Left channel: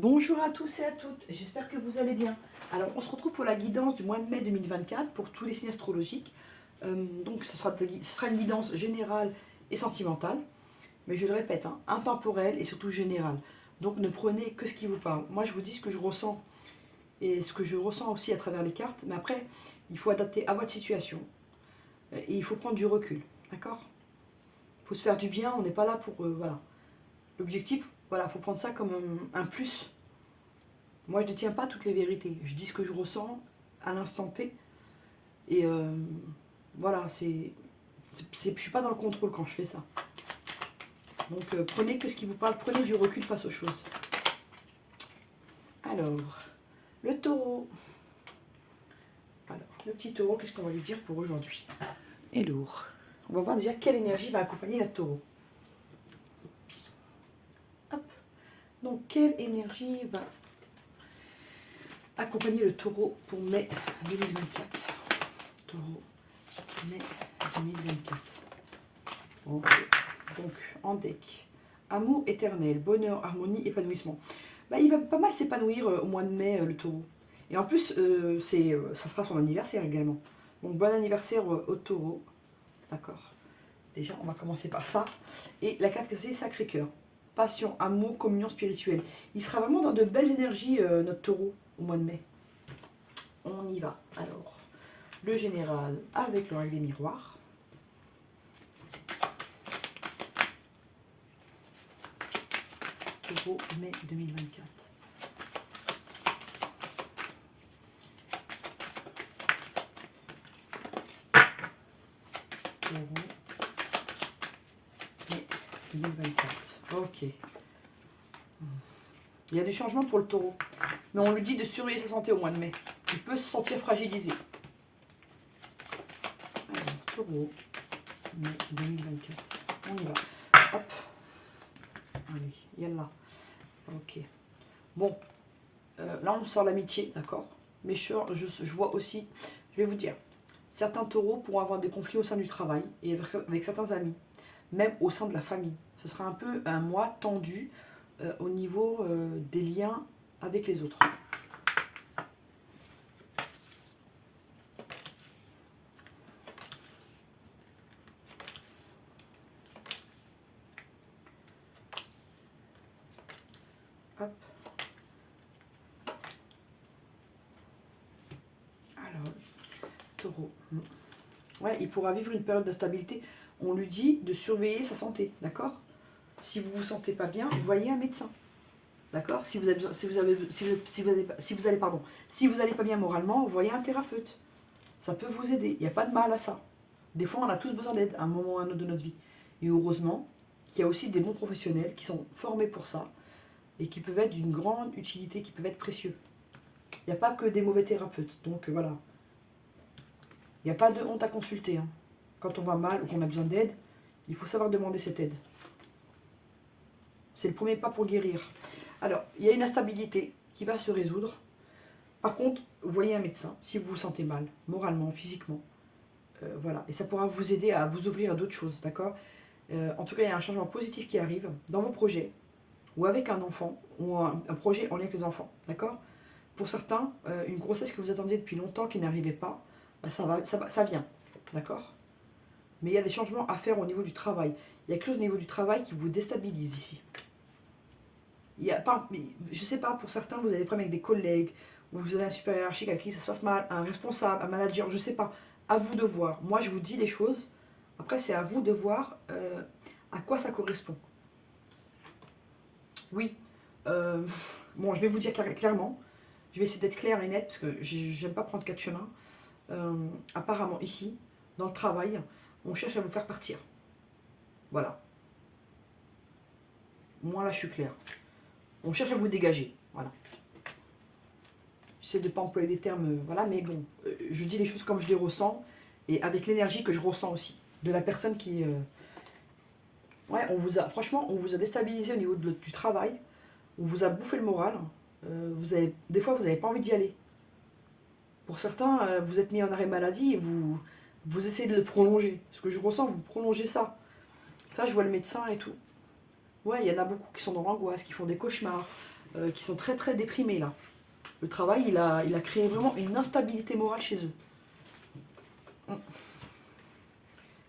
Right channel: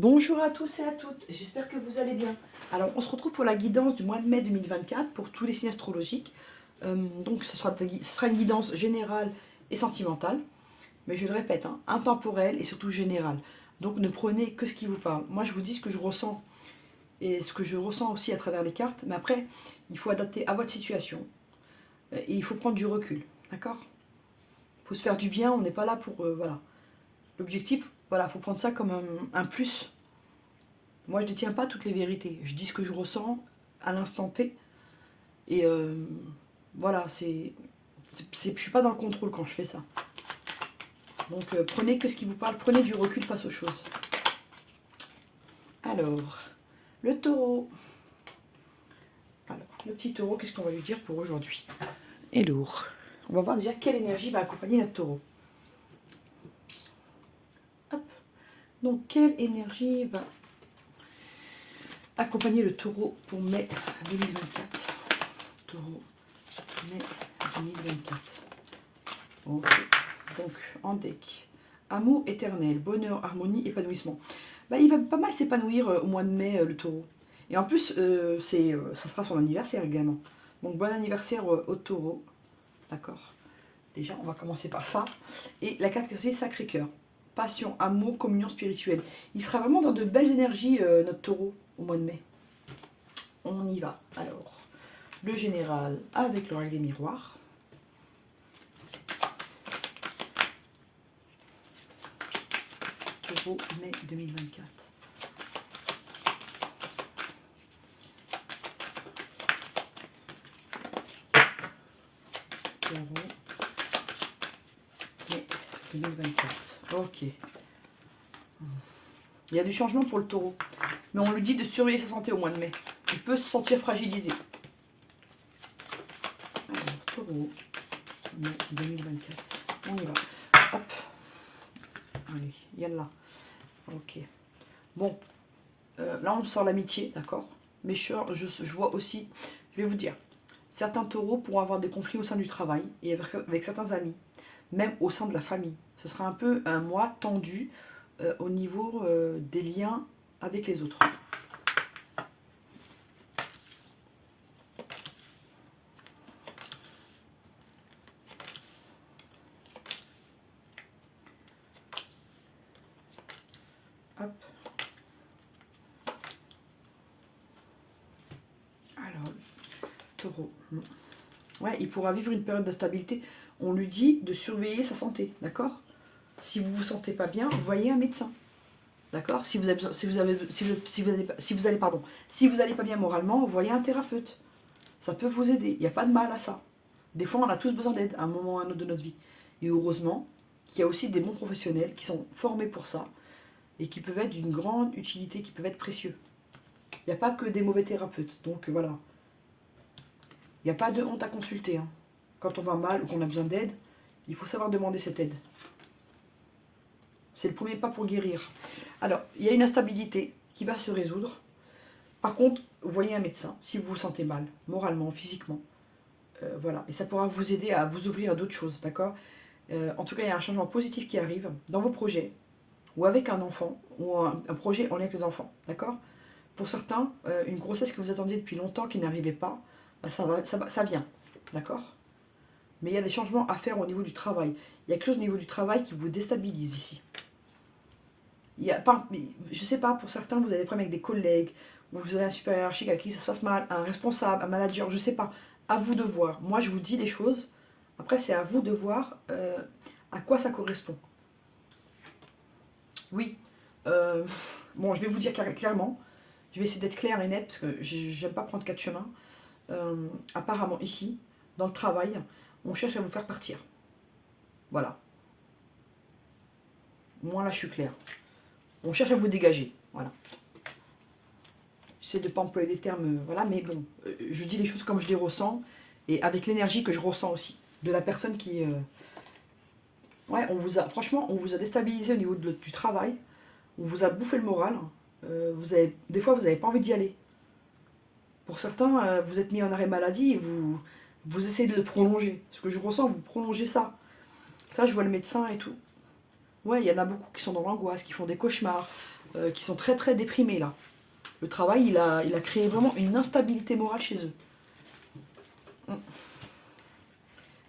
Bonjour à tous et à toutes, j'espère que vous allez bien. Alors, on se retrouve pour la guidance du mois de mai 2024 pour tous les signes astrologiques. Donc, ce sera une guidance générale et sentimentale, mais je le répète, hein, intemporelle et surtout générale. Donc, ne prenez que ce qui vous parle. Moi, je vous dis ce que je ressens et ce que je ressens aussi à travers les cartes, mais après, il faut adapter à votre situation et il faut prendre du recul, d'accord? Il faut se faire du bien, on n'est pas là pour. Voilà. L'objectif, voilà, il faut prendre ça comme un plus. Moi, je ne détiens pas toutes les vérités. Je dis ce que je ressens à l'instant T. Et voilà, je ne suis pas dans le contrôle quand je fais ça. Donc, prenez que ce qui vous parle, prenez du recul face aux choses. Alors, le taureau. Alors, le petit taureau, qu'est-ce qu'on va lui dire pour aujourd'hui? Hello. On va voir déjà quelle énergie va accompagner notre taureau. Hop. Donc, quelle énergie va accompagner le taureau pour mai 2024? Taureau, mai 2024. Ok. Donc, en deck. Amour éternel, bonheur, harmonie, épanouissement. Bah, il va pas mal s'épanouir au mois de mai, le taureau. Et en plus, ça sera son anniversaire également. Donc, bon anniversaire au taureau. D'accord. Déjà, on va commencer par ça. Et la carte, c'est Sacré-Cœur. Passion, amour, communion spirituelle. Il sera vraiment dans de belles énergies, notre taureau, au mois de mai. On y va. Alors, le général avec le règle des miroirs. Taureau, mai 2024. Taureau, mai 2024. Ok. Il y a du changement pour le taureau. Mais on lui dit de surveiller sa santé au mois de mai. Il peut se sentir fragilisé. Alors, taureau, mai 2024. On y va. Hop. Allez, yallah. Ok. Bon, là on sort l'amitié, d'accord. Mais je vois aussi, je vais vous dire, certains taureaux pourront avoir des conflits au sein du travail et avec certains amis, même au sein de la famille. Ce sera un peu un mois tendu au niveau des liens avec les autres. Hop. Alors, taureau. Ouais, il pourra vivre une période d'instabilité. On lui dit de surveiller sa santé, d'accord? Si vous vous sentez pas bien, voyez un médecin. D'accord? Si vous avez, si vous avez, si vous allez, pardon, si vous allez pas bien moralement, voyez un thérapeute. Ça peut vous aider. Il n'y a pas de mal à ça. Des fois, on a tous besoin d'aide à un moment ou à un autre de notre vie. Et heureusement qu'il y a aussi des bons professionnels qui sont formés pour ça et qui peuvent être d'une grande utilité, qui peuvent être précieux. Il n'y a pas que des mauvais thérapeutes. Donc voilà. Il n'y a pas de honte à consulter, hein. Quand on va mal ou qu'on a besoin d'aide, il faut savoir demander cette aide. C'est le premier pas pour guérir. Alors, il y a une instabilité qui va se résoudre. Par contre, voyez un médecin si vous vous sentez mal, moralement, physiquement. Voilà. Et ça pourra vous aider à vous ouvrir à d'autres choses, d'accord? En tout cas, il y a un changement positif qui arrive dans vos projets, ou avec un enfant, ou un projet en lien avec les enfants, d'accord? Pour certains, une grossesse que vous attendiez depuis longtemps qui n'arrivait pas, bah, ça vient, d'accord? Mais il y a des changements à faire au niveau du travail. Il y a quelque chose au niveau du travail qui vous déstabilise ici. Il y a pas, je sais pas, pour certains, vous avez des problèmes avec des collègues, ou vous avez un supérieur hiérarchique avec qui ça se passe mal, un responsable, un manager, je sais pas. À vous de voir. Moi, je vous dis les choses. Après, c'est à vous de voir à quoi ça correspond. Oui. euh, bon, je vais vous dire clairement. Je vais essayer d'être claire et nette parce que j'aime pas prendre quatre chemins. Apparemment, ici, dans le travail, on cherche à vous faire partir. Voilà. Moi, là, je suis claire. On cherche à vous dégager. Voilà. J'essaie de ne pas employer des termes, voilà, mais bon, je dis les choses comme je les ressens et avec l'énergie que je ressens aussi de la personne qui. Ouais, franchement, on vous a déstabilisé au niveau du travail, on vous a bouffé le moral. Des fois, vous n'avez pas envie d'y aller. Pour certains, vous êtes mis en arrêt maladie et vous essayez de le prolonger. Ce que je ressens, vous prolongez ça. Ça, je vois le médecin et tout. Ouais, il y en a beaucoup qui sont dans l'angoisse, qui font des cauchemars. qui sont très très déprimés là. Le travail, il a créé vraiment une instabilité morale chez eux.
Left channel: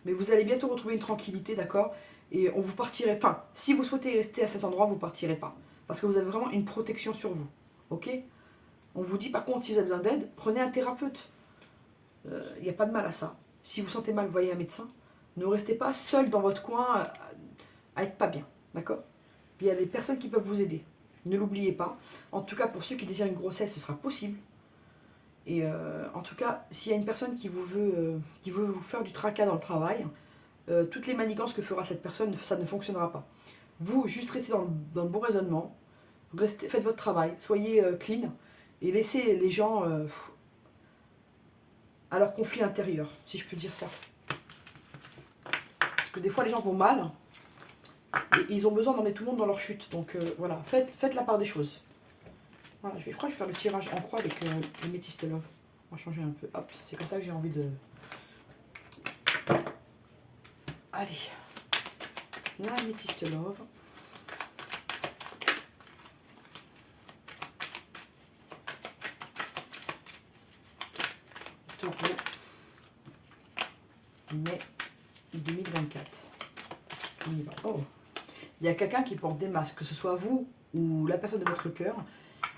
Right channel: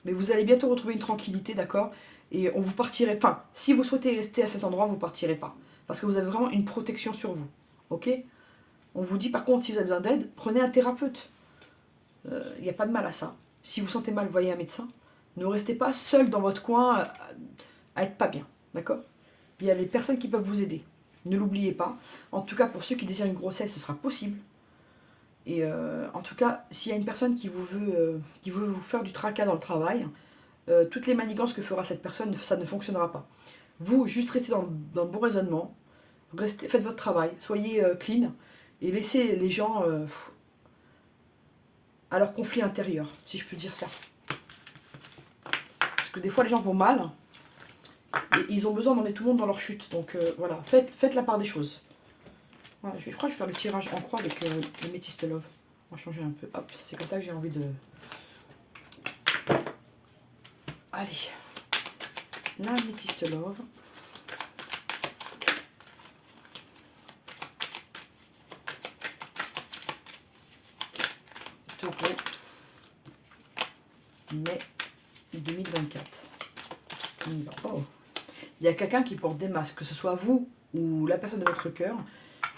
Mais vous allez bientôt retrouver une tranquillité, d'accord? Et on vous partirait. Enfin, si vous souhaitez rester à cet endroit, vous partirez pas. Parce que vous avez vraiment une protection sur vous. Ok? On vous dit par contre, si vous avez besoin d'aide, prenez un thérapeute. Il n'y a pas de mal à ça. Si vous sentez mal, voyez un médecin. Ne restez pas seul dans votre coin à être pas bien. D'accord? Il y a des personnes qui peuvent vous aider. Ne l'oubliez pas. En tout cas, pour ceux qui désirent une grossesse, ce sera possible. Et en tout cas, s'il y a une personne qui veut vous faire du tracas dans le travail, toutes les manigances que fera cette personne, ça ne fonctionnera pas. Vous, juste restez dans le bon raisonnement, faites votre travail, soyez clean et laissez les gens à leur conflit intérieur, si je peux dire ça. Parce que des fois, les gens vont mal et ils ont besoin d'emmener tout le monde dans leur chute. Donc voilà, faites la part des choses. Voilà, je crois que je vais faire le tirage en croix avec le Métis Love. On va changer un peu. Hop, c'est comme ça que j'ai envie de... Allez, la Métis Love. Taureau, mai 2024. On y va. Oh, il y a quelqu'un qui porte des masques, que ce soit vous ou la personne de votre cœur.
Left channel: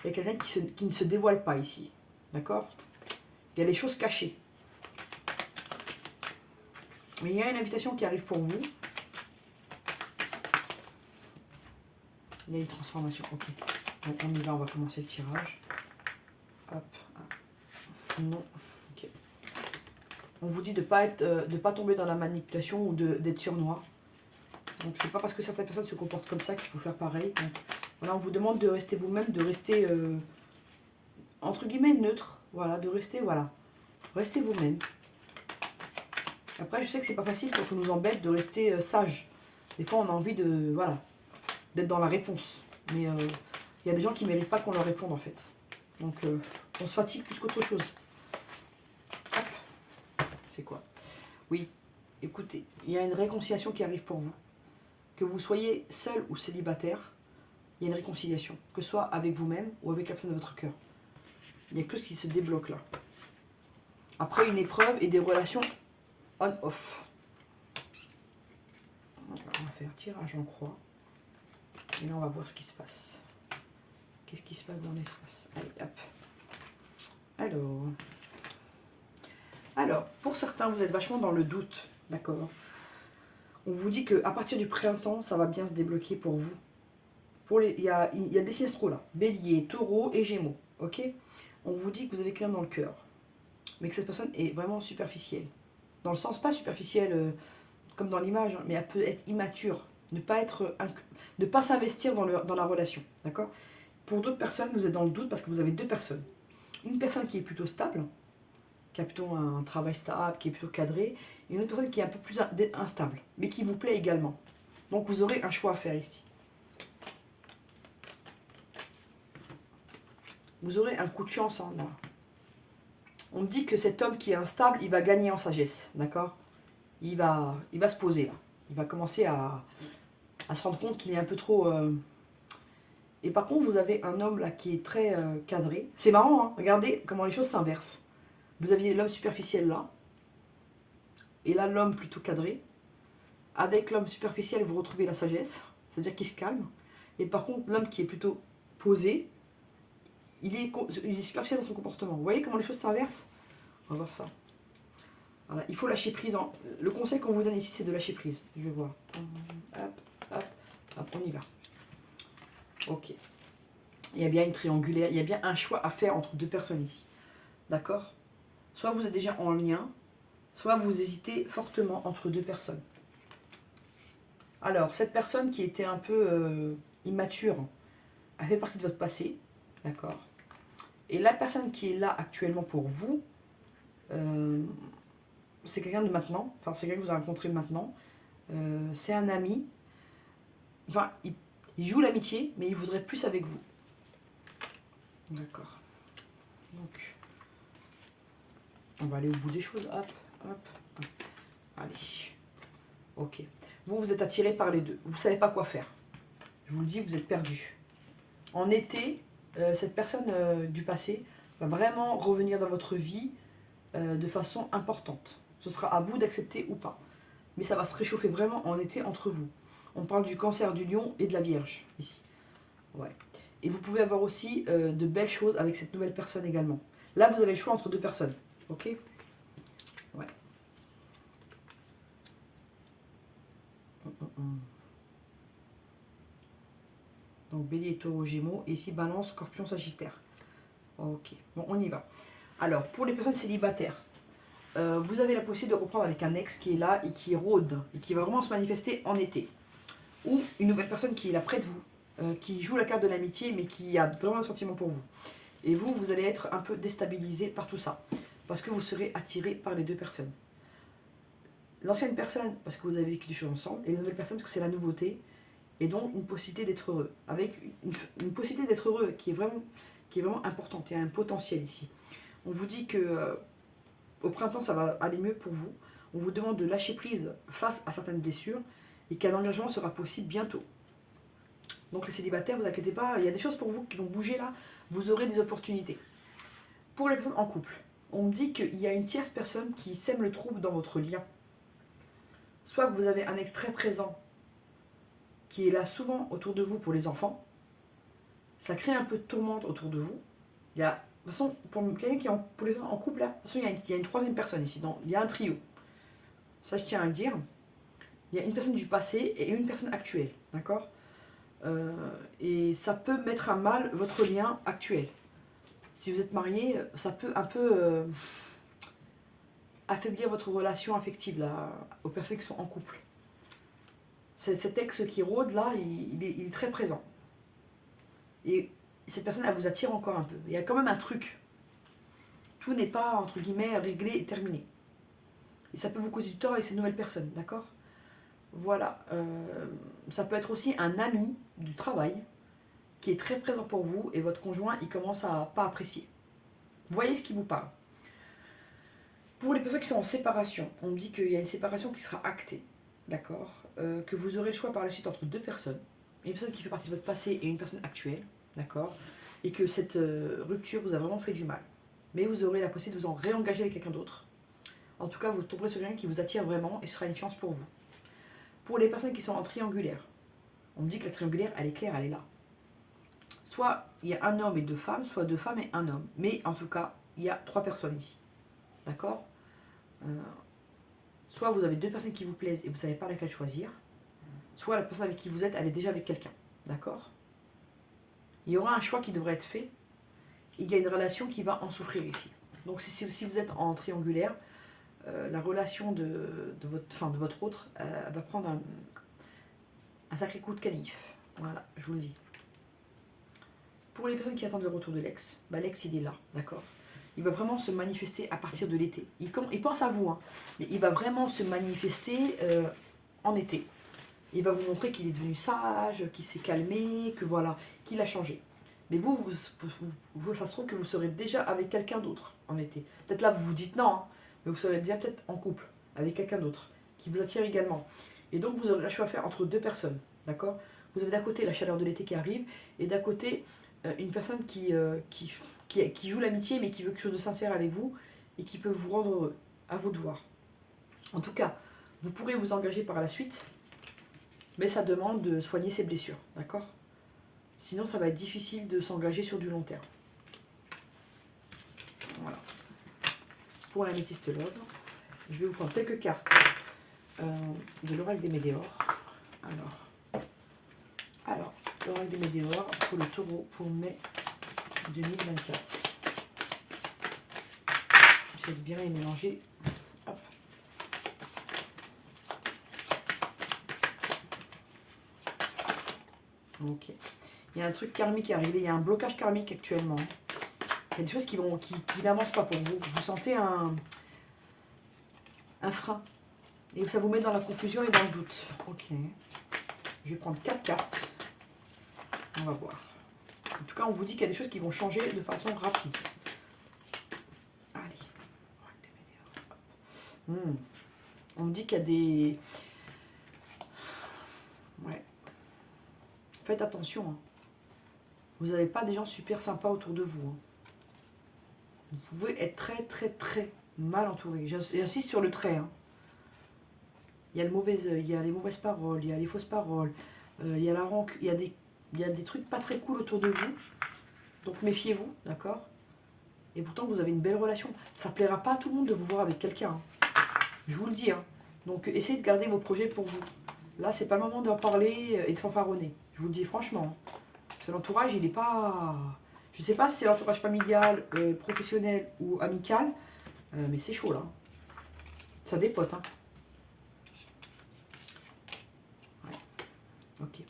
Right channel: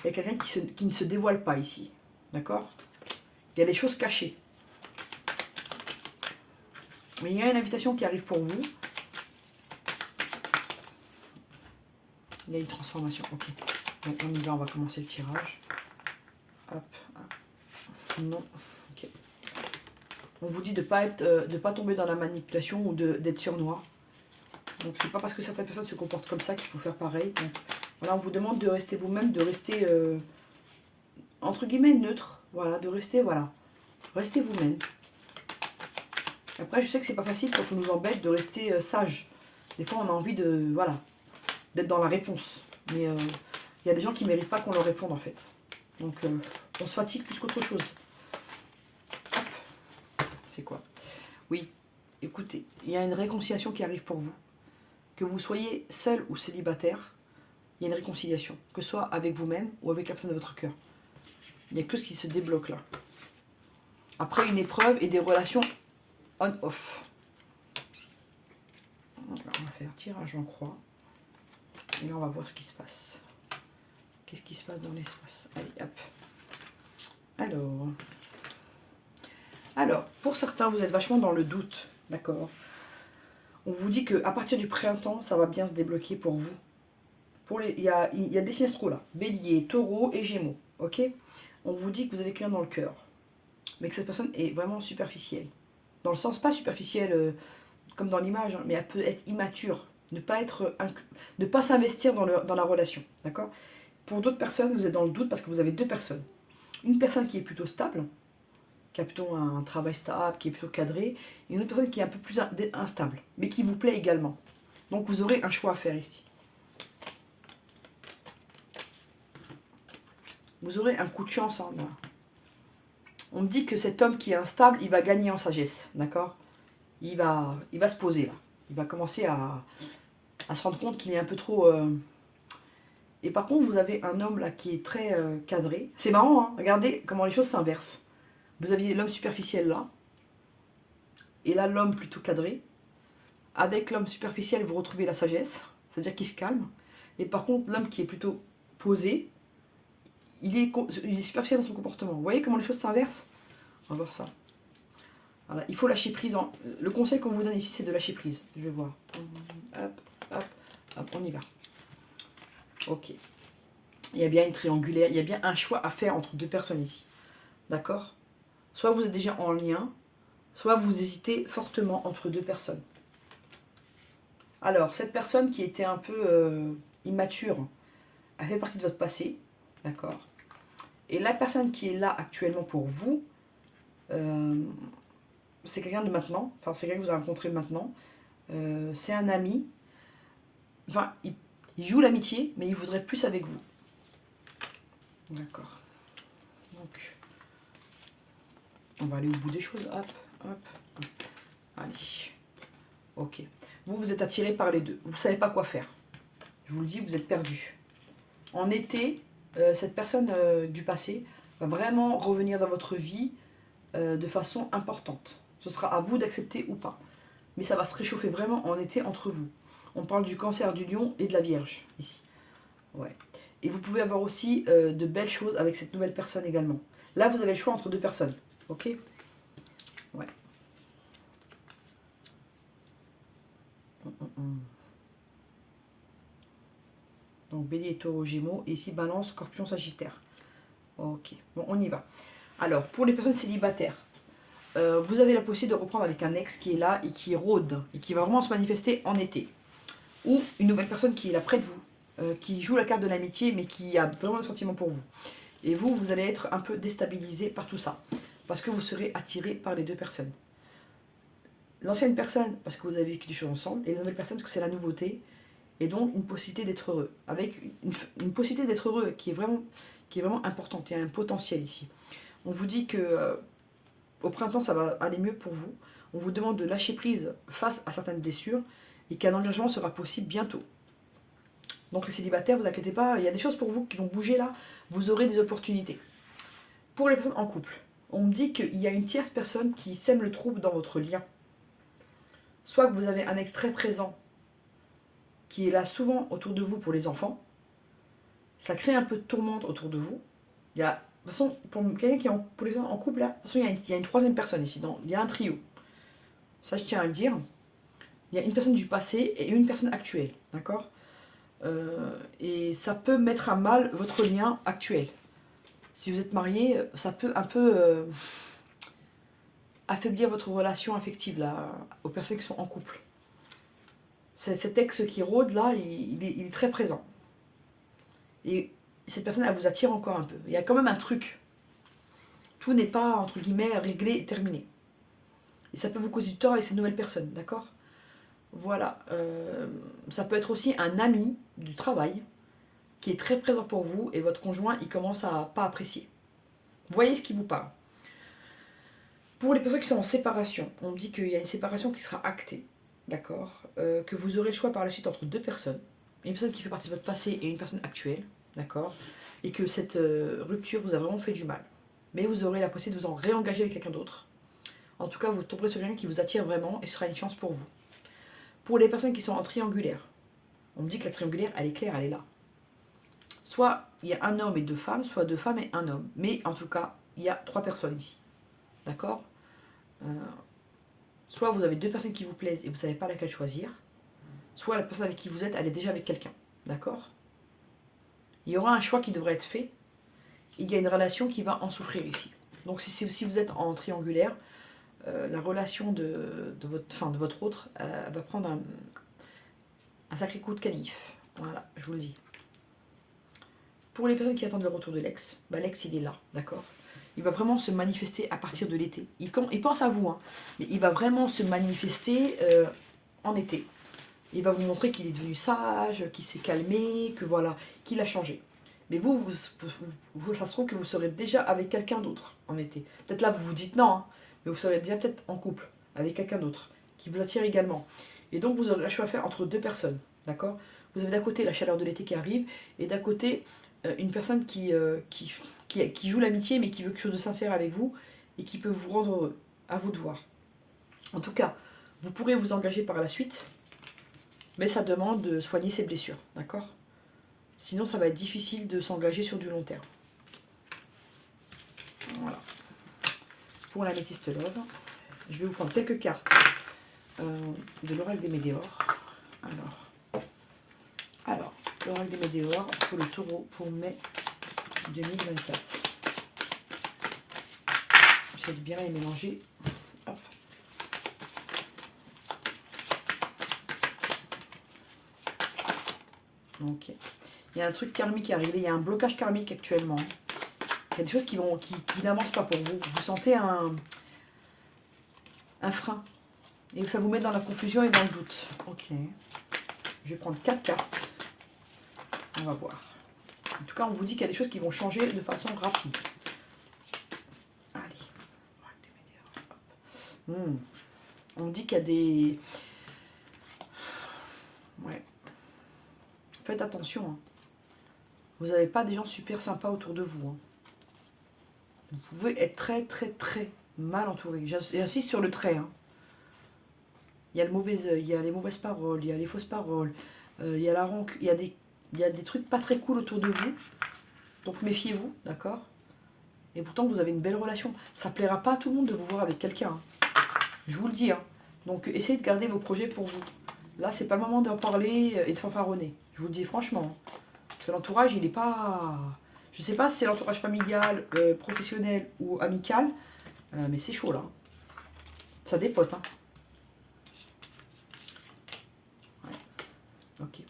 Il y a quelqu'un qui ne se dévoile pas ici. D'accord? Il y a des choses cachées. Mais il y a une invitation qui arrive pour vous. Il y a une transformation. Ok. Donc on y va, on va commencer le tirage. Hop. Non. Ok. On vous dit de ne pas tomber dans la manipulation ou d'être surnois. Donc c'est pas parce que certaines personnes se comportent comme ça qu'il faut faire pareil. Donc voilà, on vous demande de rester vous-même, de rester entre guillemets neutre. Voilà, de rester, voilà. Restez vous-même. Après, je sais que c'est pas facile quand on nous embête de rester sage. Des fois, on a envie de, voilà, d'être dans la réponse. Mais il y a des gens qui ne méritent pas qu'on leur réponde en fait. Donc on se fatigue plus qu'autre chose. C'est quoi? Oui, écoutez, il y a une réconciliation qui arrive pour vous. Que vous soyez seul ou célibataire, il y a une réconciliation. Que ce soit avec vous-même ou avec la personne de votre cœur. Il y a que ce qui se débloque là. Après une épreuve et des relations on-off. On va faire tirage en croix. Et là, on va voir ce qui se passe. Qu'est-ce qui se passe dans l'espace? Allez, hop. Alors, pour certains, vous êtes vachement dans le doute, d'accord? On vous dit qu'à partir du printemps, ça va bien se débloquer pour vous. Il y a des signes astro là, Bélier, Taureau et Gémeaux, ok? On vous dit que vous avez quelqu'un dans le cœur, mais que cette personne est vraiment superficielle. Dans le sens, pas superficielle comme dans l'image, hein, mais elle peut être immature, ne pas s'investir dans la relation, d'accord? Pour d'autres personnes, vous êtes dans le doute parce que vous avez deux personnes. Une personne qui est plutôt stable, qui a plutôt un travail stable, qui est plutôt cadré, et une autre personne qui est un peu plus instable, mais qui vous plaît également. Donc vous aurez un choix à faire ici. Vous aurez un coup de chance. Hein, là. On me dit que cet homme qui est instable, il va gagner en sagesse, d'accord? Il va se poser là. Il va commencer à se rendre compte qu'il est un peu trop... Et par contre, vous avez un homme là qui est très cadré. C'est marrant, hein, regardez comment les choses s'inversent. Vous aviez l'homme superficiel là, et là l'homme plutôt cadré. Avec l'homme superficiel, vous retrouvez la sagesse, c'est-à-dire qu'il se calme. Et par contre, l'homme qui est plutôt posé, il est superficiel dans son comportement. Vous voyez comment les choses s'inversent? On va voir ça. Voilà, il faut lâcher prise. Le conseil qu'on vous donne ici, c'est de lâcher prise. Je vais voir. Hop, hop, hop, on y va. Ok. Il y a bien une triangulaire, il y a bien un choix à faire entre deux personnes ici. D'accord? Soit vous êtes déjà en lien, soit vous hésitez fortement entre deux personnes. Alors, cette personne qui était un peu immature, elle fait partie de votre passé. D'accord? Et la personne qui est là actuellement pour vous, c'est quelqu'un de maintenant, enfin c'est quelqu'un que vous avez rencontré maintenant, c'est un ami, enfin il joue l'amitié, mais il voudrait plus avec vous. D'accord. Donc, on va aller au bout des choses, hop, hop, hop. Allez, ok. Vous êtes attiré par les deux, vous ne savez pas quoi faire. Je vous le dis, vous êtes perdu. En été, cette personne du passé va vraiment revenir dans votre vie de façon importante. Ce sera à vous d'accepter ou pas. Mais ça va se réchauffer vraiment en été entre vous. On parle du cancer du lion et de la vierge, ici. Ouais. Et vous pouvez avoir aussi de belles choses avec cette nouvelle personne également. Là, vous avez le choix entre deux personnes. Ok. Ouais. Donc, bélier, taureau, gémeaux. Et ici, balance, scorpion, sagittaire. Ok. Bon, on y va. Alors, pour les personnes célibataires, vous avez la possibilité de reprendre avec un ex qui est là et qui rôde. Et qui va vraiment se manifester en été. Ou une nouvelle personne qui est là près de vous. Qui joue la carte de l'amitié, mais qui a vraiment un sentiment pour vous. Et vous, vous allez être un peu déstabilisé par tout ça. Parce que vous serez attiré par les deux personnes. L'ancienne personne, parce que vous avez vécu des choses ensemble, et la nouvelle personne, parce que c'est la nouveauté, et donc une possibilité d'être heureux. Avec une possibilité d'être heureux qui est vraiment importante. Il y a un potentiel ici. On vous dit que au printemps, ça va aller mieux pour vous. On vous demande de lâcher prise face à certaines blessures, et qu'un engagement sera possible bientôt. Donc les célibataires, vous inquiétez pas, il y a des choses pour vous qui vont bouger là, vous aurez des opportunités. Pour les personnes en couple, on me dit qu'il y a une tierce personne qui sème le trouble dans votre lien. Soit que vous avez un ex très présent qui est là souvent autour de vous pour les enfants, ça crée un peu de tourmente autour de vous. Il y a, de toute façon, pour quelqu'un qui est pour les gens en couple, là, de toute façon, il y a une troisième personne ici, il y a un trio. Ça, je tiens à le dire. Il y a une personne du passé et une personne actuelle, d'accord. Et ça peut mettre à mal votre lien actuel. Si vous êtes marié, ça peut un peu affaiblir votre relation affective là, aux personnes qui sont en couple. Cet ex qui rôde là, il est très présent. Et cette personne, elle vous attire encore un peu. Il y a quand même un truc. Tout n'est pas, entre guillemets, réglé et terminé. Et ça peut vous causer du tort avec ces nouvelles personnes, d'accord. Voilà. Ça peut être aussi un ami du travail qui est très présent pour vous et votre conjoint, il commence à pas apprécier. Vous voyez ce qui vous parle. Pour les personnes qui sont en séparation, on me dit qu'il y a une séparation qui sera actée, d'accord, que vous aurez le choix par la suite entre deux personnes, une personne qui fait partie de votre passé et une personne actuelle, d'accord, et que cette rupture vous a vraiment fait du mal. Mais vous aurez la possibilité de vous en réengager avec quelqu'un d'autre. En tout cas, vous tomberez sur quelqu'un qui vous attire vraiment et ce sera une chance pour vous. Pour les personnes qui sont en triangulaire, on me dit que la triangulaire, elle est claire, elle est là. Soit il y a un homme et deux femmes, soit deux femmes et un homme. Mais en tout cas, il y a trois personnes ici. D'accord. Soit vous avez deux personnes qui vous plaisent et vous ne savez pas laquelle choisir, soit la personne avec qui vous êtes, elle est déjà avec quelqu'un. D'accord. Il y aura un choix qui devrait être fait. Il y a une relation qui va en souffrir ici. Donc si vous êtes en triangulaire, la relation de votre autre va prendre un sacré coup de canif. Voilà, je vous le dis. Pour les personnes qui attendent le retour de l'ex, l'ex il est là, d'accord. Il va vraiment se manifester à partir de l'été. Il pense à vous, hein, mais il va vraiment se manifester en été. Il va vous montrer qu'il est devenu sage, qu'il s'est calmé, que voilà, qu'il a changé. Mais vous, ça se trouve que vous serez déjà avec quelqu'un d'autre en été. Peut-être là, vous vous dites non, hein, mais vous serez déjà peut-être en couple avec quelqu'un d'autre qui vous attire également. Et donc, vous aurez un choix à faire entre deux personnes, d'accord. Vous avez d'un côté la chaleur de l'été qui arrive, et d'un côté, une personne qui joue l'amitié, mais qui veut quelque chose de sincère avec vous, et qui peut vous rendre heureux. À vous de voir. En tout cas, vous pourrez vous engager par la suite, mais ça demande de soigner ses blessures, d'accord. Sinon, ça va être difficile de s'engager sur du long terme. Voilà. Pour la métiste love, je vais vous prendre quelques cartes de l'oracle des Médéors. Alors, l'oracle des Médéors pour le taureau pour mai 2024. J'essaie de bien les mélanger. Hop. Ok. Il y a un truc karmique qui est arrivé, il y a un blocage karmique actuellement. Il y a des choses qui n'avancent pas pour vous. Vous sentez un frein. Et ça vous met dans la confusion et dans le doute. Ok. Je vais prendre 4 cartes. On va voir. En tout cas, on vous dit qu'il y a des choses qui vont changer de façon rapide. Allez. On me dit qu'il y a des... Ouais. Faites attention. Hein. Vous n'avez pas des gens super sympas autour de vous. Hein. Vous pouvez être très très très mal entouré. J'insiste sur le trait. Hein. Il y a le mauvais œil, il y a les mauvaises paroles, il y a les fausses paroles, il y a la rancune, il y a des trucs pas très cool autour de vous. Donc méfiez-vous, d'accord? Et pourtant vous avez une belle relation. Ça plaira pas à tout le monde de vous voir avec quelqu'un. Hein. Je vous le dis. Hein. Donc essayez de garder vos projets pour vous. Là, c'est pas le moment d'en parler et de fanfaronner. Je vous le dis franchement. Hein. Parce que l'entourage, il n'est pas... Je sais pas si c'est l'entourage familial, professionnel ou amical, mais c'est chaud là. Ça dépote. Hein. Ouais. Ok.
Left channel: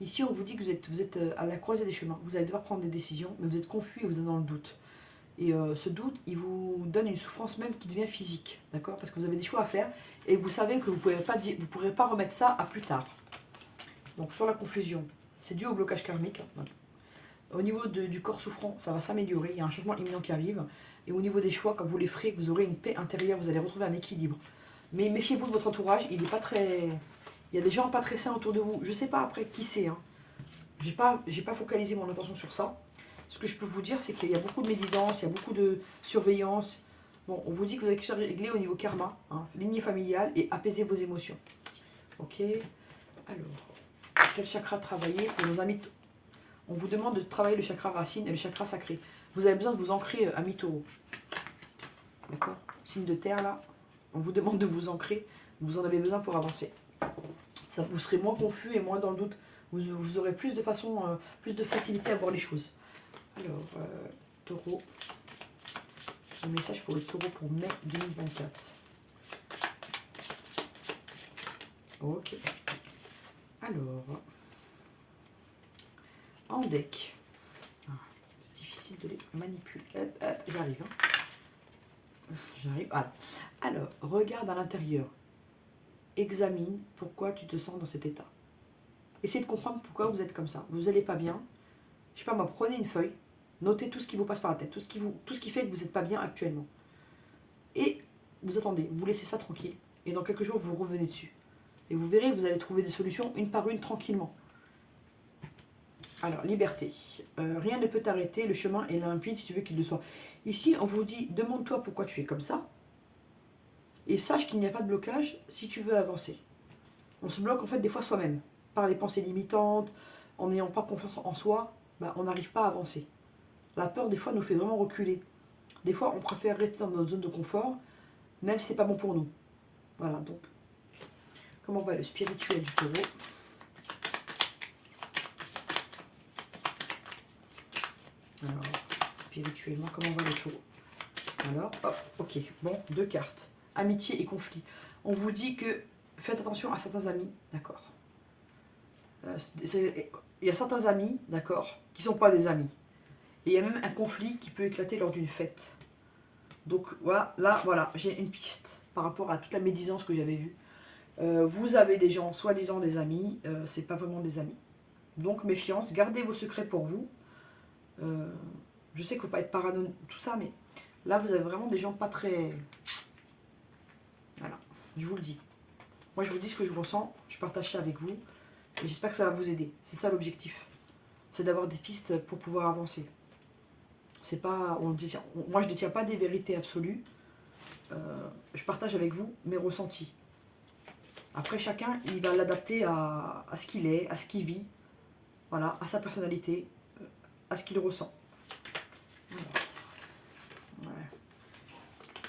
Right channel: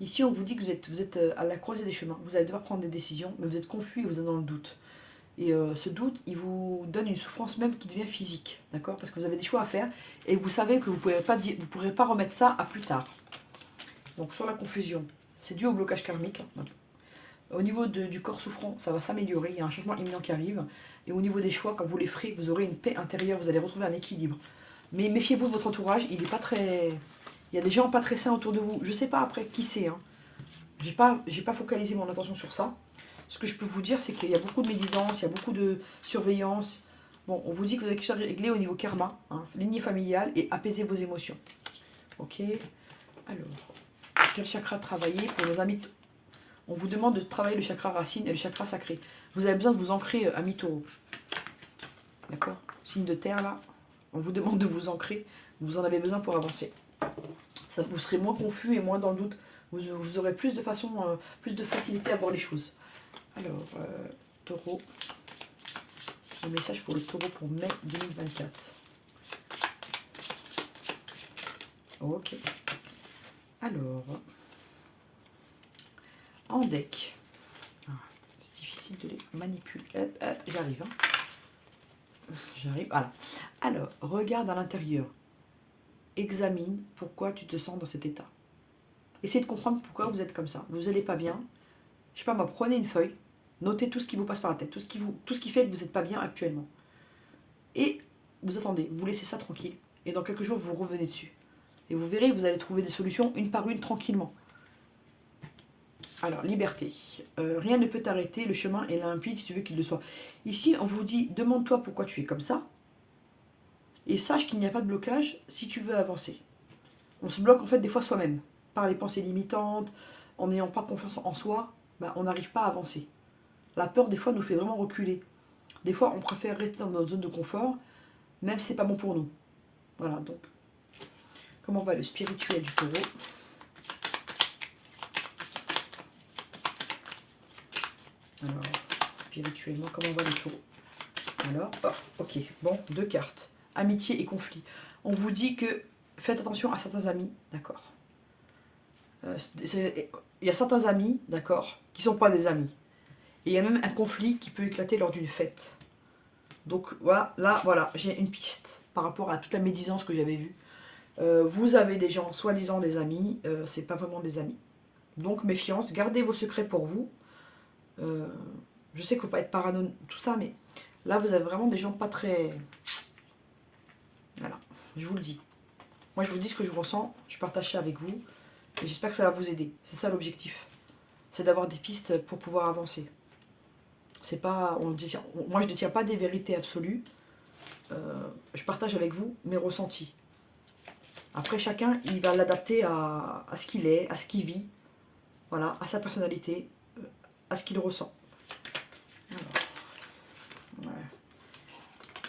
Ici, on vous dit que vous êtes à la croisée des chemins. Vous allez devoir prendre des décisions, mais vous êtes confus et vous êtes dans le doute. Et ce doute, il vous donne une souffrance même qui devient physique, d'accord? Parce que vous avez des choix à faire et vous savez que vous ne pourrez pas remettre ça à plus tard. Donc sur la confusion, c'est dû au blocage karmique. Hein. Au niveau du corps souffrant, ça va s'améliorer, il y a un changement imminent qui arrive. Et au niveau des choix, quand vous les ferez, vous aurez une paix intérieure, vous allez retrouver un équilibre. Mais méfiez-vous de votre entourage, il est pas très... Il y a des gens pas très sains autour de vous. Je sais pas après qui c'est. Hein. J'ai pas focalisé mon attention sur ça. Ce que je peux vous dire, c'est qu'il y a beaucoup de médisance, il y a beaucoup de surveillance. Bon, on vous dit que vous avez quelque chose à régler au niveau karma, hein, lignée familiale, et apaiser vos émotions. Ok. Alors, quel chakra travailler pour nos amis? On vous demande de travailler le chakra racine et le chakra sacré. Vous avez besoin de vous ancrer, amis taureaux. D'accord? Signe de terre, là. On vous demande de vous ancrer. Vous en avez besoin pour avancer. Ça, vous serez moins confus et moins dans le doute. Vous aurez plus de plus de facilité à voir les choses. Alors, taureau. Un message pour le taureau pour mai 2024. Ok. Alors, en deck. C'est difficile de les manipuler. J'arrive. Hein. J'arrive. Voilà. Alors, regarde à l'intérieur. Examine pourquoi tu te sens dans cet état. Essayez de comprendre pourquoi vous êtes comme ça. Vous n'allez pas bien. Je sais pas moi, prenez une feuille. Notez tout ce qui vous passe par la tête. Tout ce qui fait que vous n'êtes pas bien actuellement. Et vous attendez. Vous laissez ça tranquille. Et dans quelques jours, vous revenez dessus. Et vous verrez, vous allez trouver des solutions une par une tranquillement. Alors, liberté. Rien ne peut t'arrêter, le chemin est limpide si tu veux qu'il le soit. Ici, on vous dit, demande-toi pourquoi tu es comme ça. Et sache qu'il n'y a pas de blocage si tu veux avancer. On se bloque en fait des fois soi-même. Par les pensées limitantes, en n'ayant pas confiance en soi, on n'arrive pas à avancer. La peur des fois nous fait vraiment reculer. Des fois, on préfère rester dans notre zone de confort, même si c'est pas bon pour nous. Voilà, donc, comment va le spirituel du taureau? Alors, spirituellement, comment va le taureau? Alors, oh, ok, bon, 2 cartes. Amitié et conflit. On vous dit que faites attention à certains amis, d'accord. Il y a certains amis, d'accord, qui ne sont pas des amis. Et il y a même un conflit qui peut éclater lors d'une fête. Donc voilà, là, voilà, j'ai une piste par rapport à toute la médisance que j'avais vue. Vous avez des gens, soi-disant des amis, c'est pas vraiment des amis. Donc méfiance, gardez vos secrets pour vous. Je sais qu'il ne faut pas être parano, tout ça, mais là, vous avez vraiment des gens pas très... Voilà, je vous le dis. Moi, je vous dis ce que je ressens, je partage ça avec vous, et j'espère que ça va vous aider. C'est ça l'objectif. C'est d'avoir des pistes pour pouvoir avancer. C'est pas, moi, je ne détiens pas des vérités absolues. Je partage avec vous mes ressentis. Après, chacun, il va l'adapter à ce qu'il est, à ce qu'il vit, voilà, à sa personnalité, à ce qu'il ressent. Voilà. Ouais.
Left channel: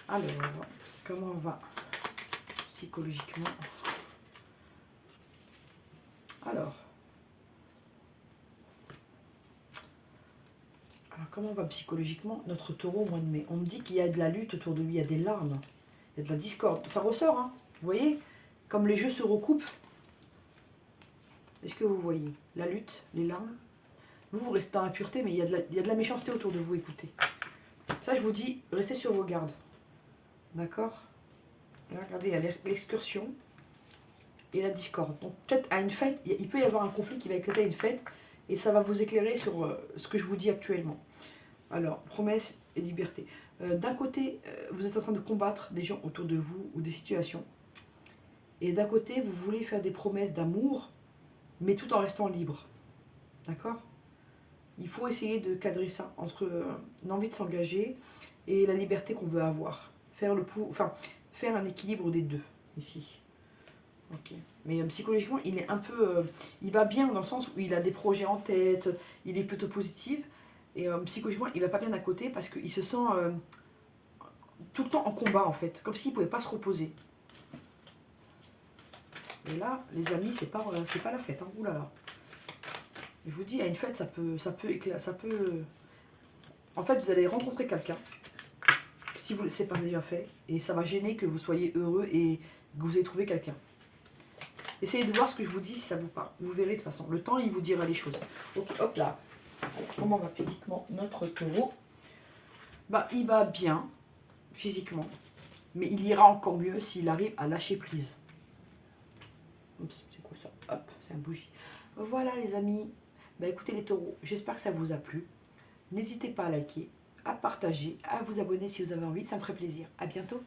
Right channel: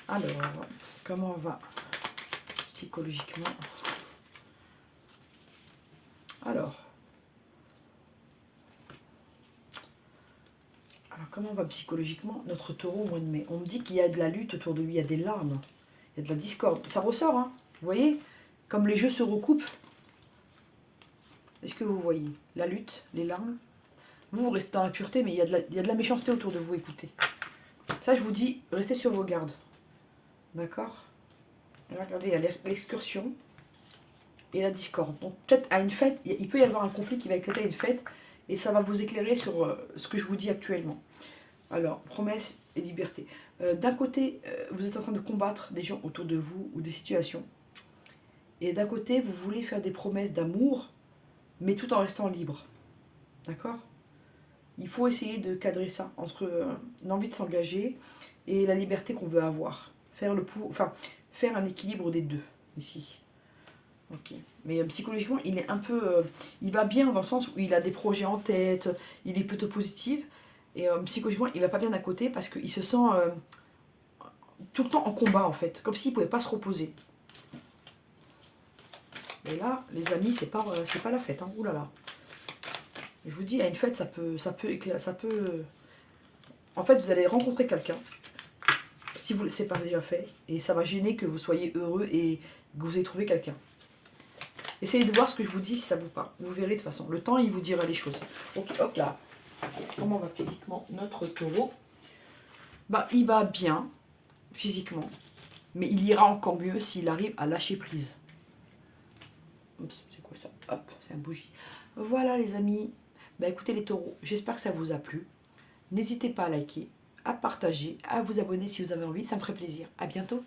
Alors, comment on va psychologiquement? Alors, comment on va psychologiquement notre taureau au mois de mai? On me dit qu'il y a de la lutte autour de lui, il y a des larmes, il y a de la discorde. Ça ressort, hein? Vous voyez? Comme les jeux se recoupent. Est-ce que vous voyez? La lutte, les larmes. Vous restez dans la pureté, mais il y a de la méchanceté autour de vous, écoutez. Ça, je vous dis, restez sur vos gardes. D'accord? Regardez, il y a l'excursion et la discorde. Donc peut-être à une fête, il peut y avoir un conflit qui va éclater à une fête, et ça va vous éclairer sur ce que je vous dis actuellement. Alors, promesse et liberté. D'un côté, vous êtes en train de combattre des gens autour de vous ou des situations. Et d'un côté, vous voulez faire des promesses d'amour, mais tout en restant libre. D'accord? Il faut essayer de cadrer ça entre l'envie de s'engager et la liberté qu'on veut avoir. Faire un équilibre des deux, ici. Ok. Mais psychologiquement, il est un peu... il va bien dans le sens où il a des projets en tête, il est plutôt positif. Et psychologiquement, il va pas bien à côté parce qu'il se sent tout le temps en combat, en fait. Comme s'il pouvait pas se reposer. Et là, les amis, c'est pas la fête. Hein. Ouh là là. Je vous dis, à une fête, En fait, vous allez rencontrer quelqu'un, si vous c'est pas déjà fait, et ça va gêner que vous soyez heureux et que vous ayez trouvé quelqu'un. Essayez de voir ce que je vous dis si ça vous parle. Vous verrez de toute façon. Le temps, il vous dira les choses. Ok, hop là. Comment va physiquement notre taureau? Bah, il va bien, physiquement. Mais il ira encore mieux s'il arrive à lâcher prise. Oups, c'est quoi ça? Hop, c'est un bougie. Voilà les amis. Bah écoutez les taureaux, j'espère que ça vous a plu. N'hésitez pas à liker, à partager, à vous abonner si vous avez envie. Ça me ferait plaisir. À bientôt.